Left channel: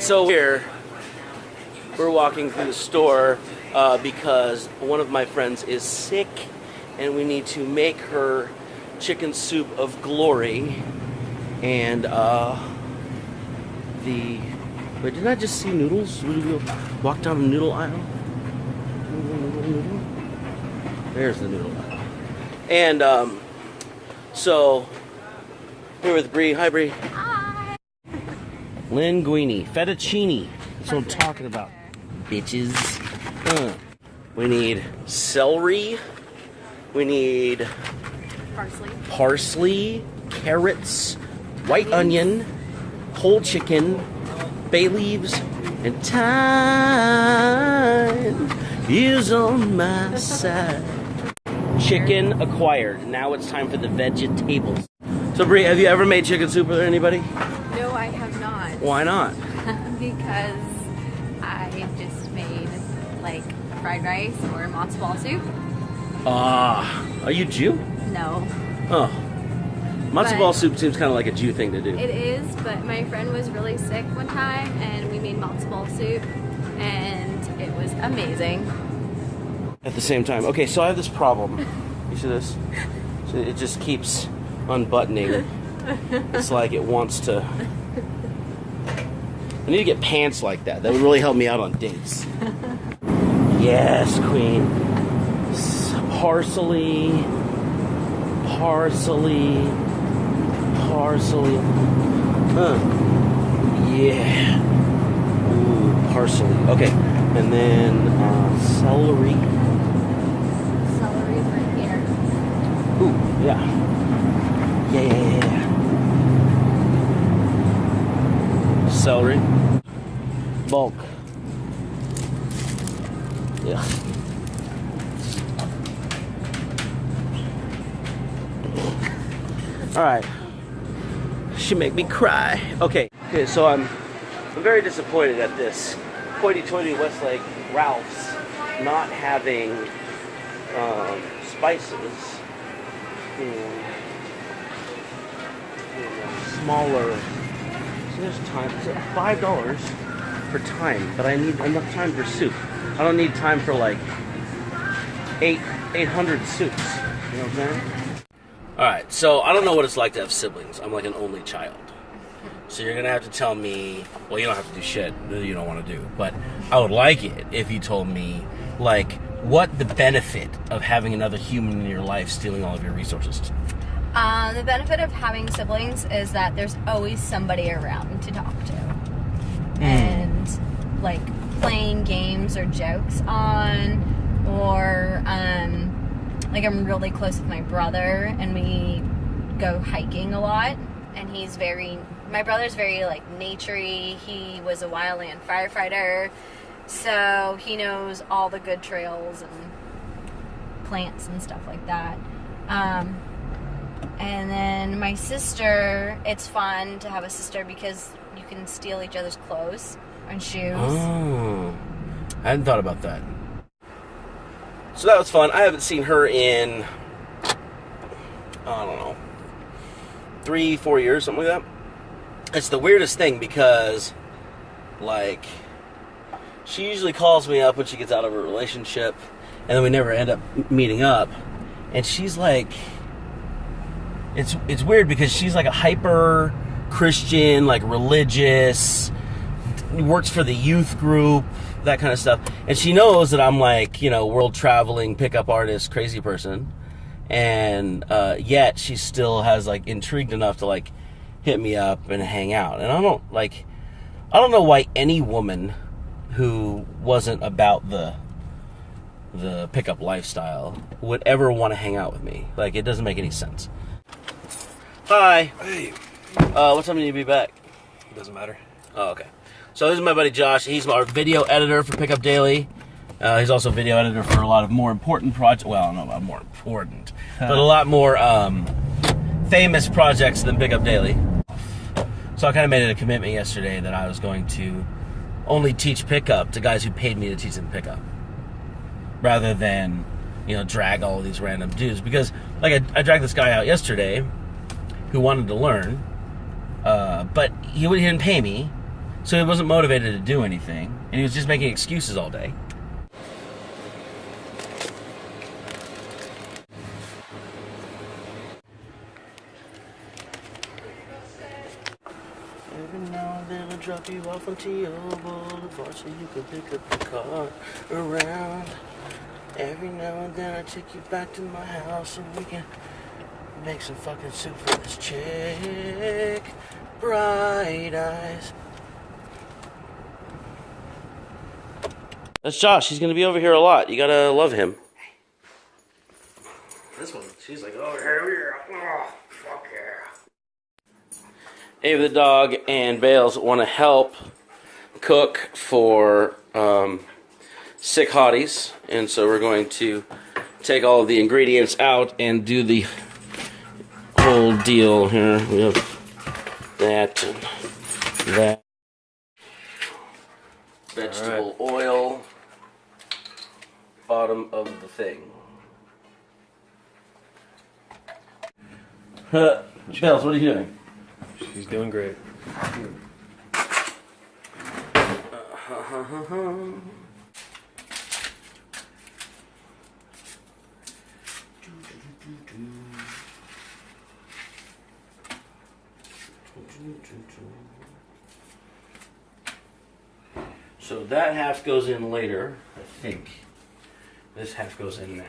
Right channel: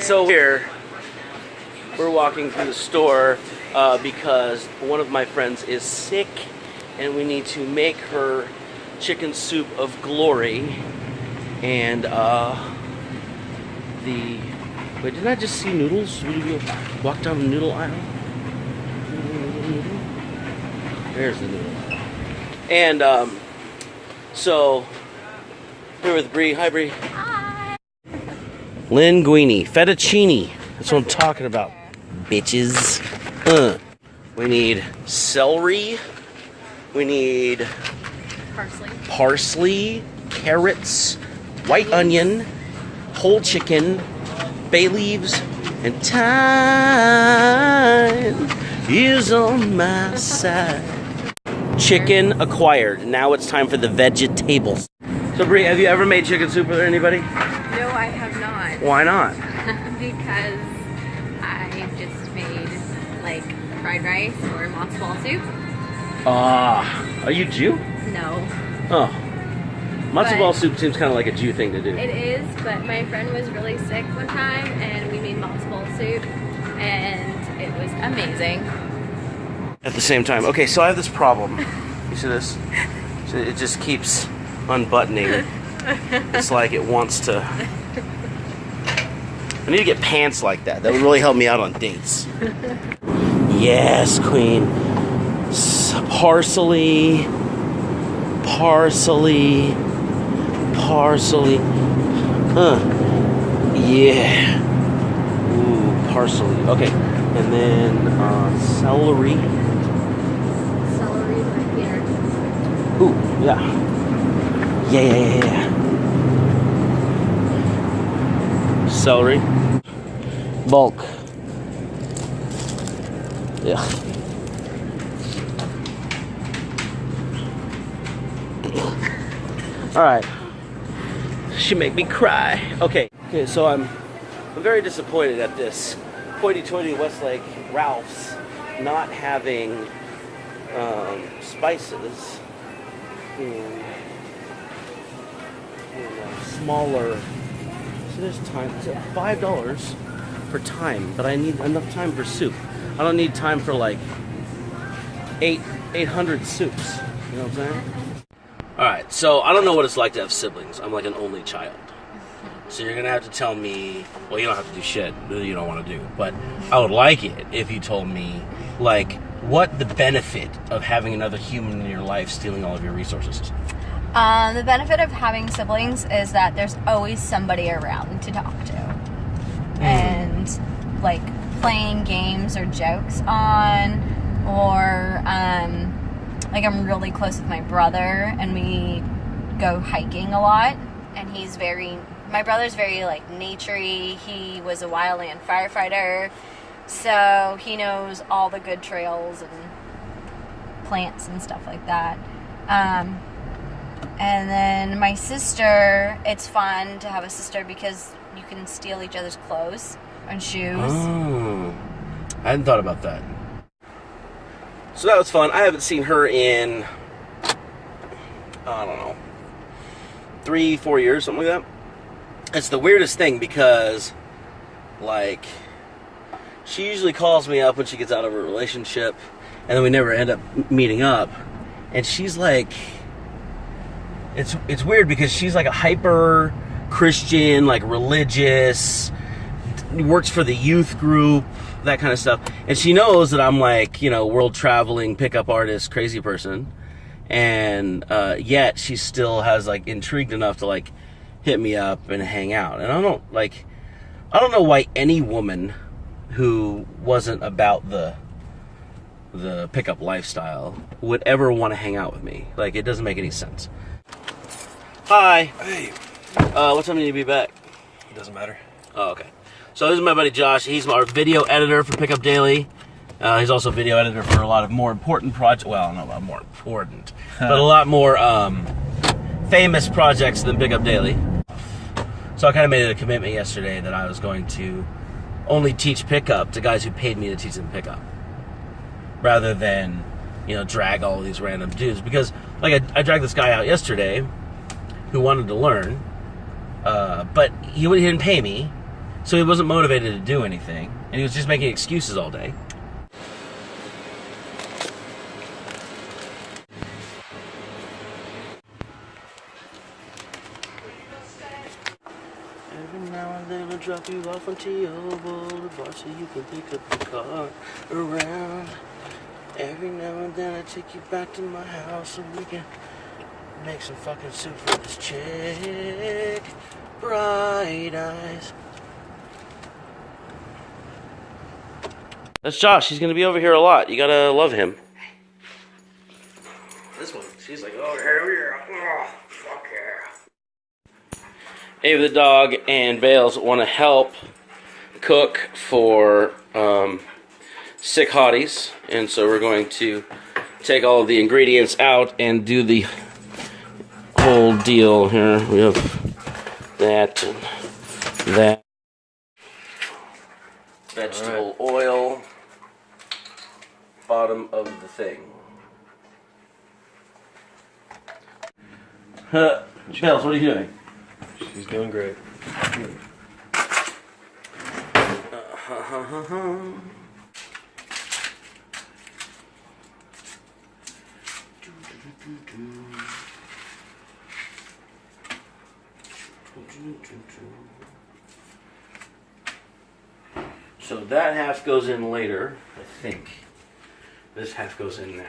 So here, we're walking through the store because one of my friends is sick and we need to make her chicken soup of glory. And wait, didn't I just see noodles? Did we walk down the noodle aisle? Noodle. There's the noodle aisle. And so here with Bree. Hi, Bree. Hi. Linguine, fettuccine. That's what I'm talking about, bitches. We need celery. We need parsley, carrots, white onion, whole chicken, bay leaves, and time is on my side. Chicken acquired. Now it's time for the vegetables. So, Brie, have you ever made chicken soup with anybody? No, I have not. Why not? Because I just made like fried rice or matzo ball soup. Are you Jew? No. Oh. Matzo ball soup seems kind of like a Jew thing to do. It is, but my friend was really sick one time and we made matzo ball soup and it was amazing. At the same time. Okay, so I have this problem. You see this? So it just keeps unbuttoning. It's like it wants to... I need to get pants like that. That would really help me out on dates. Yes, queen. Parsley. Yeah. Ooh, parsley. Okay. And then celery. Celery right here. Ooh, yeah. Yeah. Celery. Bulk. Yeah. All right. She make me cry. Okay, so I'm very disappointed at this hoity-toity Westlake Ralph's not having spices in smaller. So there's time. $5 for thyme, but I need enough time for soup. I don't need time for like 800 soups. You know what I'm saying? Alright, so I don't know what it's like to have siblings. I'm like an only child. So you're going to have to tell me, well, you don't have to do shit that you don't want to do, but I would like it if you told me, like, what the benefit of having another human in your life stealing all of your resources is. The benefit of having siblings is that there's always somebody around to talk to. And, like, playing games or jokes on, or, like, I'm really close with my brother, and we go hiking a lot, and my brother's very, like, naturey. He was a wildland firefighter, so he knows all the good trails and plants and stuff like that. And then my sister, it's fun to have a sister because you can steal each other's clothes and shoes. Oh, I hadn't thought about that. So that was fun. I haven't seen her in, I don't know, 3-4 years, something like that. It's the weirdest thing because, like, she usually calls me up when she gets out of a relationship, and then we never end up meeting up. And she's like, it's weird because she's like a hyper Christian, like religious, works for the youth group, that kind of stuff. And she knows that I'm like, you know, world traveling, pickup artist, crazy person. And yet she still has like intrigued enough to like hit me up and hang out. And I don't know why any woman who wasn't about the pickup lifestyle would ever want to hang out with me. Like, it doesn't make any sense. Hi. Hey. What time do you need to be back? It doesn't matter. Oh, okay. So this is my buddy Josh. He's our video editor for Pickup Daily. He's also video editor for a lot of more important projects. Well, not a lot more important, but a lot more famous projects than Pickup Daily. So I kind of made it a commitment yesterday that I was going to only teach pickup to guys who paid me to teach them pickup, rather than, you know, drag all of these random dudes. Because, like, I dragged this guy out yesterday who wanted to learn, but he didn't pay me, So he wasn't motivated to do anything, and he was just making excuses all day. Every now and then I drop you off on T.O. Boulevard so you can pick up the car around. Every now and then I take you back to my house so we can make some fucking soup for this chick. Bright eyes. That's Josh. He's gonna be over here a lot. You gotta love him. This one, she's like, oh, hell yeah. Oh, fuck yeah. Ava the dog and Bales want to help cook for sick Hotties. And so we're going to take all of the ingredients out and do the whole deal here. We have that and that. Vegetable oil. Bottom of the thing. Charles, what are you doing? He's doing great. So that half goes in later, I think. This half goes in now.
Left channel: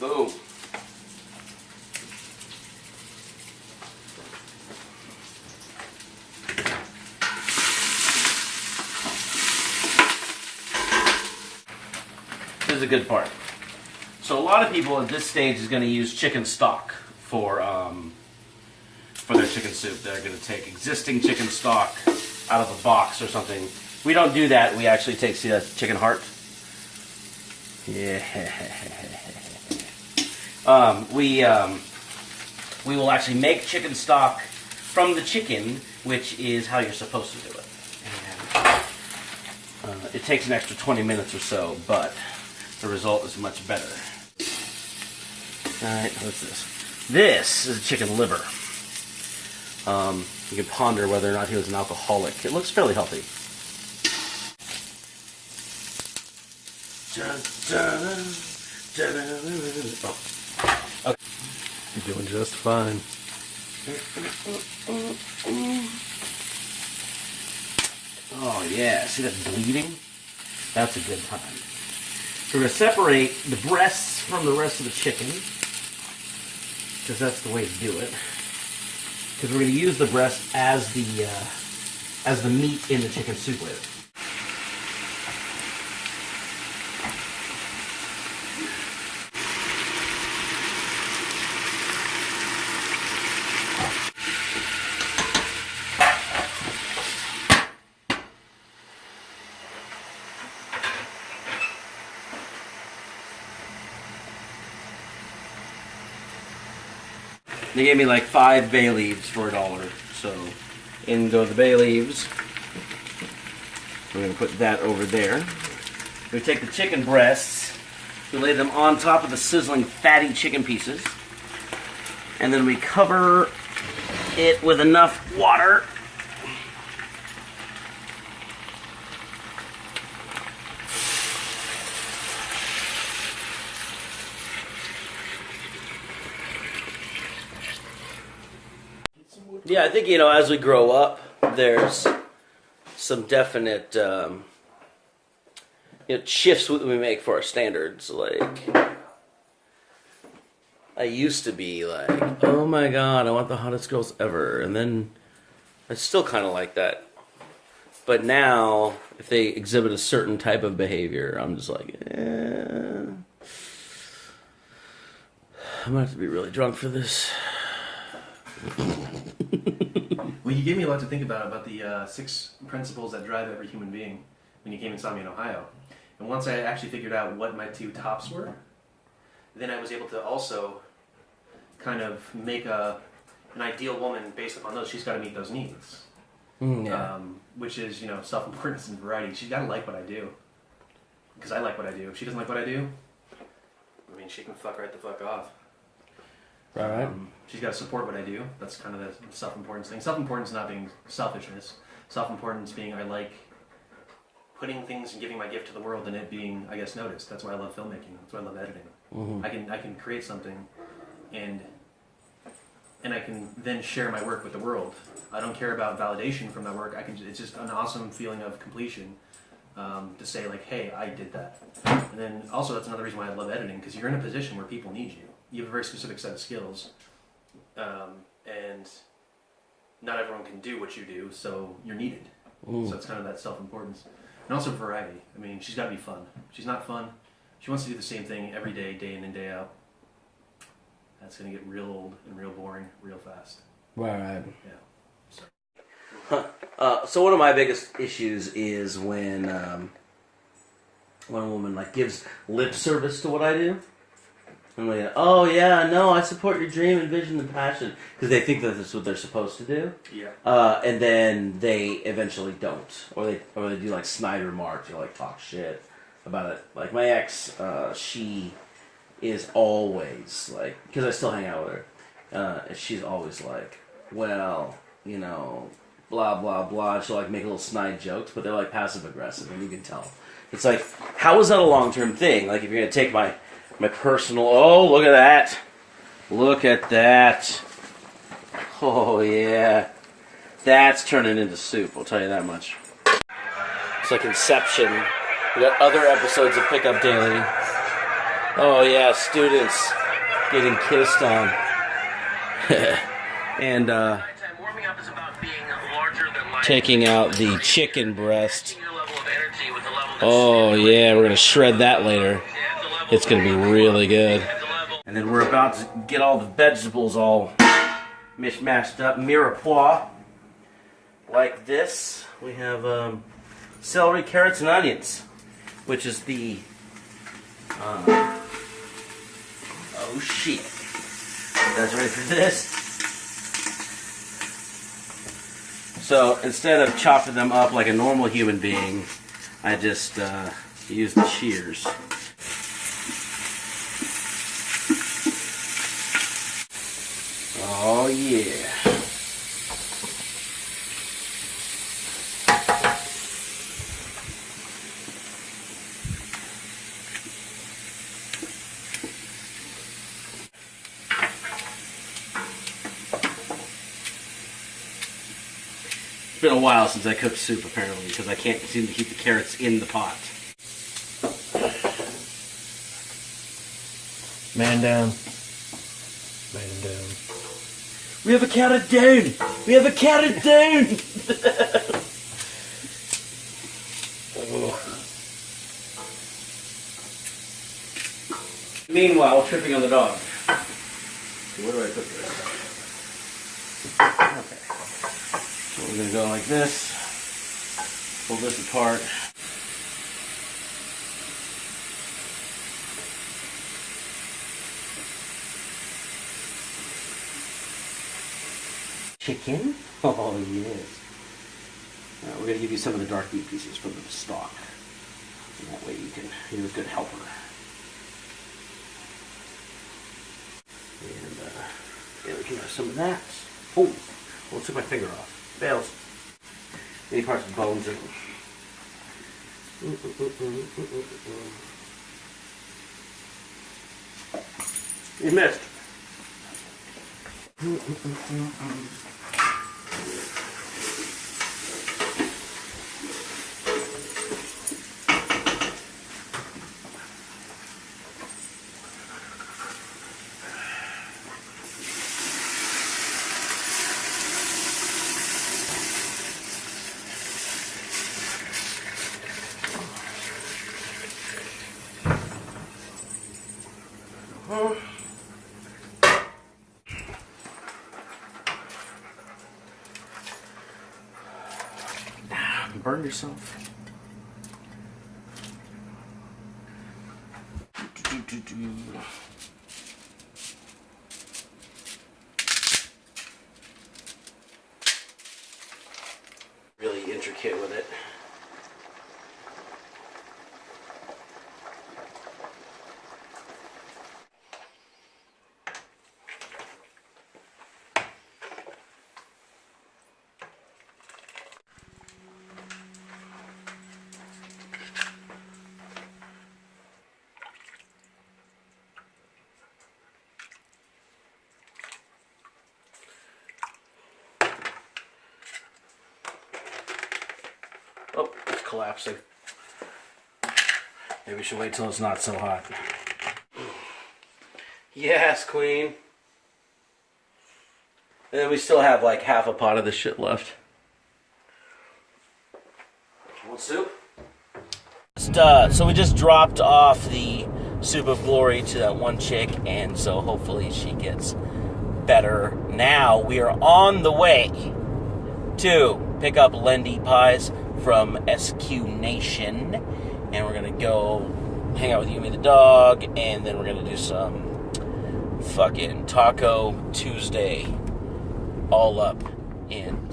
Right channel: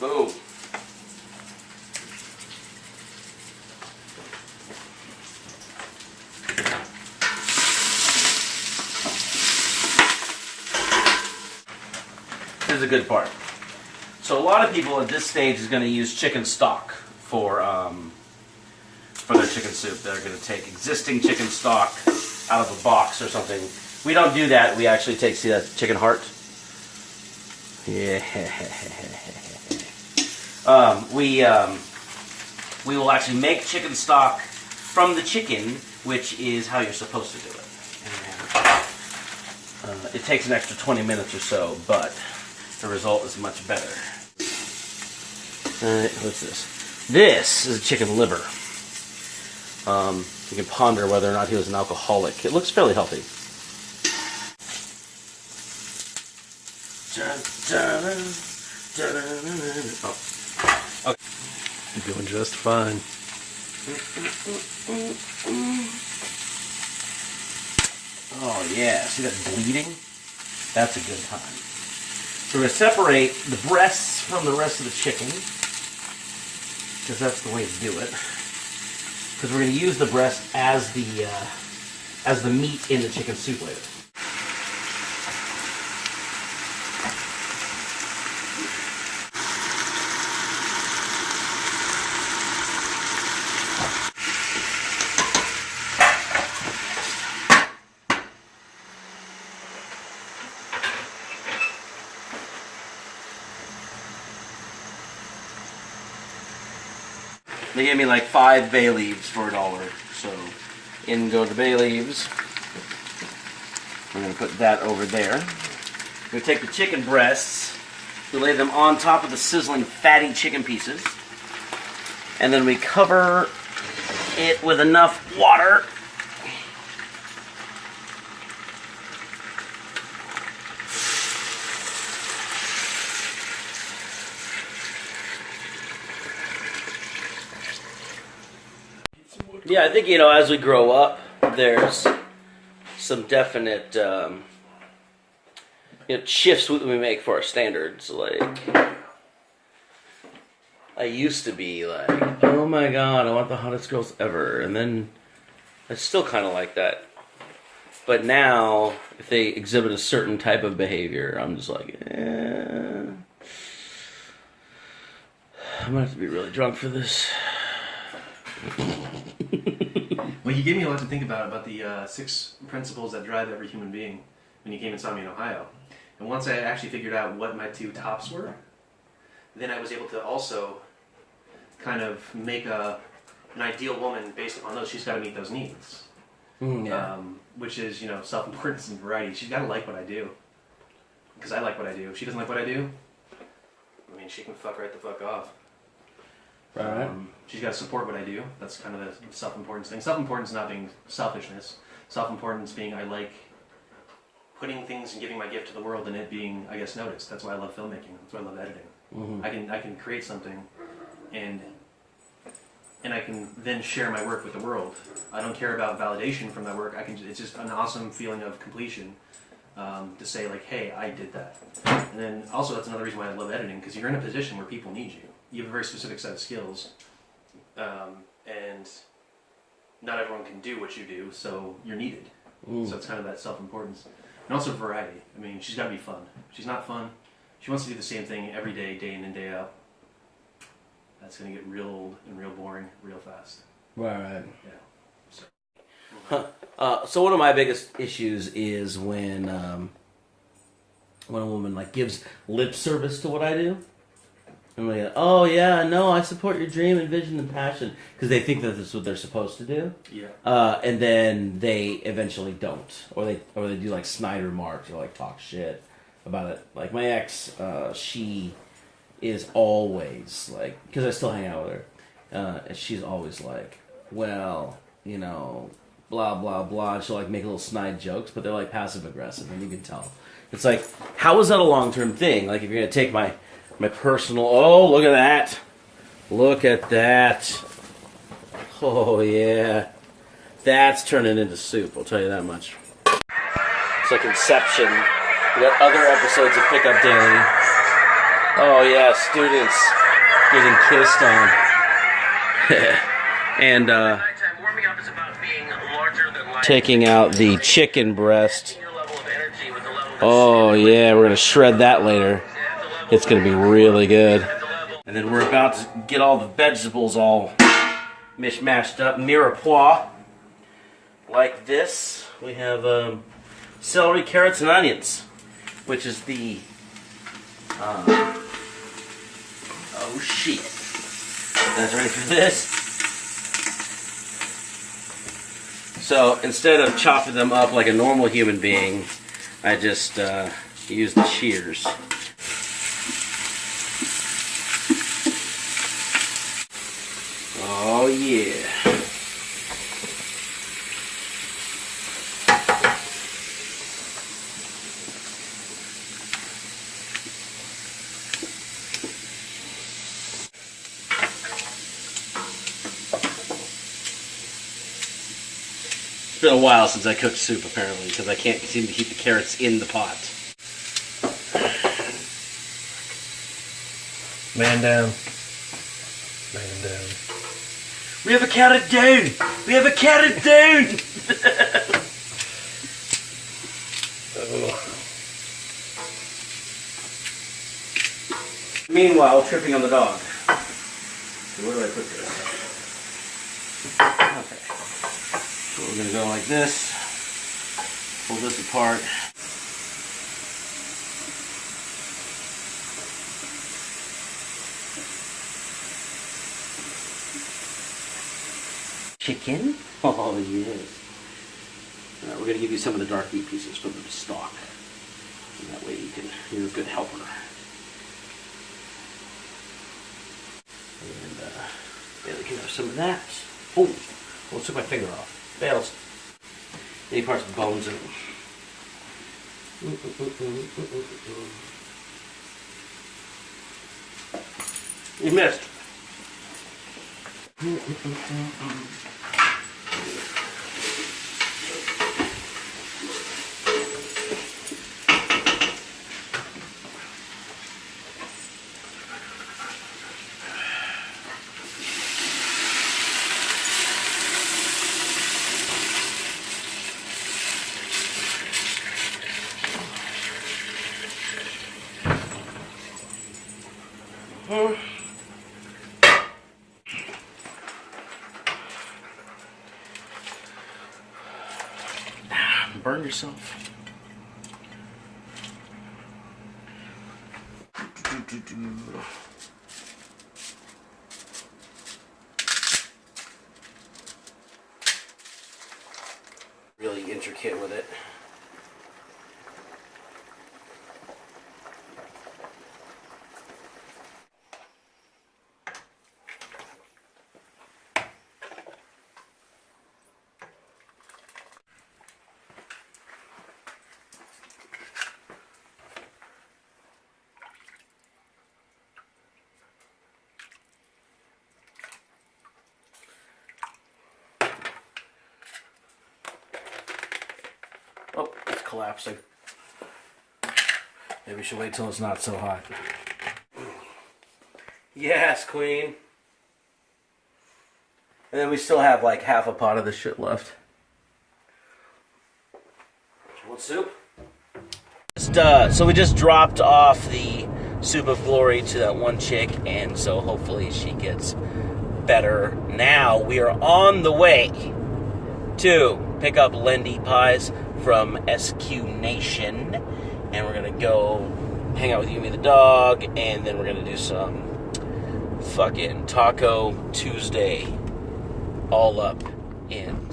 Boom. This is a good part. So a lot of people at this stage is going to use chicken stock for their chicken soup. They're going to take existing chicken stock out of a box or something. We don't do that. We actually take, see that chicken heart? Yeah. We will actually make chicken stock from the chicken, which is how you're supposed to do it. And, it takes an extra 20 minutes or so, but the result is much better. Alright, what's this? This is chicken liver. You can ponder whether or not he was an alcoholic. It looks fairly healthy. Oh. Okay. You're doing just fine. Oh yeah, see that bleeding? That's a good time. So we're going to separate the breasts from the rest of the chicken, because that's the way to do it. Because we're going to use the breast as the meat in the chicken soup later. They gave me like 5 bay leaves for $1. So in go the bay leaves. We're going to put that over there. We take the chicken breasts, we lay them on top of the sizzling fatty chicken pieces, and then we cover it with enough water . Yeah, I think, as we grow up, there's some definite, shifts we make for our standards. Like, I used to be like, oh my god, I want the hottest girls ever. And then I still kind of like that. But now, if they exhibit a certain type of behavior, I'm just like, I might have to be really drunk for this. Well, you gave me a lot to think about the 6 principles that drive every human being when you came and saw me in Ohio. And once I actually figured out what my 2 tops were, then I was able to also kind of make an ideal woman based upon those. She's got to meet those needs. which is, you know, self-importance and variety. She's got to like what I do, because I like what I do. If she doesn't like what I do, I mean, she can fuck right the fuck off. Right. She's got to support what I do. That's kind of the self-importance thing. Self-importance not being selfishness. Self-importance being I like putting things and giving my gift to the world and it being, I guess, noticed. That's why I love filmmaking. That's why I love editing. I can create something and I can then share my work with the world. I don't care about validation from my work. It's just an awesome feeling of completion to say like, hey, I did that. And then also that's another reason why I love editing, because you're in a position where people need you. You have a very specific set of skills, and not everyone can do what you do, so you're needed. So it's kind of that self-importance. And also variety. I mean, she's got to be fun. If she's not fun, she wants to do the same thing every day, day in and day out. That's going to get real old and real boring real fast. Right. Yeah. So one of my biggest issues is when a woman like gives lip service to what I do. And like, oh yeah, no, I support your dream and vision and passion, because they think that this is what they're supposed to do. Yeah. And then they eventually don't, or they do like snide remarks or like talk shit about it. Like my ex, she is always like, because I still hang out with her, and she's always like, well, you know, blah blah blah. She'll like make little snide jokes, but they're like passive aggressive, and you can tell. It's like, how is that a long-term thing? Like if you're gonna take my personal, oh, look at that. Look at that. Oh, yeah. That's turning into soup, I'll tell you that much. It's like Inception. We got other episodes of Pickup Daily. Oh, yeah, students getting kissed on. And, taking out the chicken breast. Oh, yeah, we're going to shred that later. It's going to be really good. And then we're about to get all the vegetables all mishmashed up. Mirepoix. Like this. We have celery, carrots, and onions. Which is the... oh, shit. You guys ready for this? So, instead of chopping them up like a normal human being, I just use the shears. Oh, yeah. It's been a while since I cooked soup, apparently, because I can't seem to keep the carrots in the pot. Man down. Man down. We have a counted down! We have a counted down! Oh. Meanwhile, tripping on the dog. So where do I put this? Okay. So we're going to go like this. Pull this apart. Chicken? Oh, yes. Alright, we're going to give you some of the dark meat pieces from the stock. And that way you're a good helper. And, yeah, we can have some of that. Oh, let's took my finger off. Fails. Any parts of the bones in them. You missed. Burn yourself. kit with it. Oh, it's collapsing. Maybe we should wait till it's not so hot. Yes, queen. And then we still have like half a pot of this shit left. Want soup? So we just dropped off the soup of glory to that one chick, and so hopefully she gets better. Now we are on the way to pick up Lendy pies from SQ Nation, and we're gonna go hang out with Yumi the dog, and then we're gonna do some fucking Taco Tuesday all up in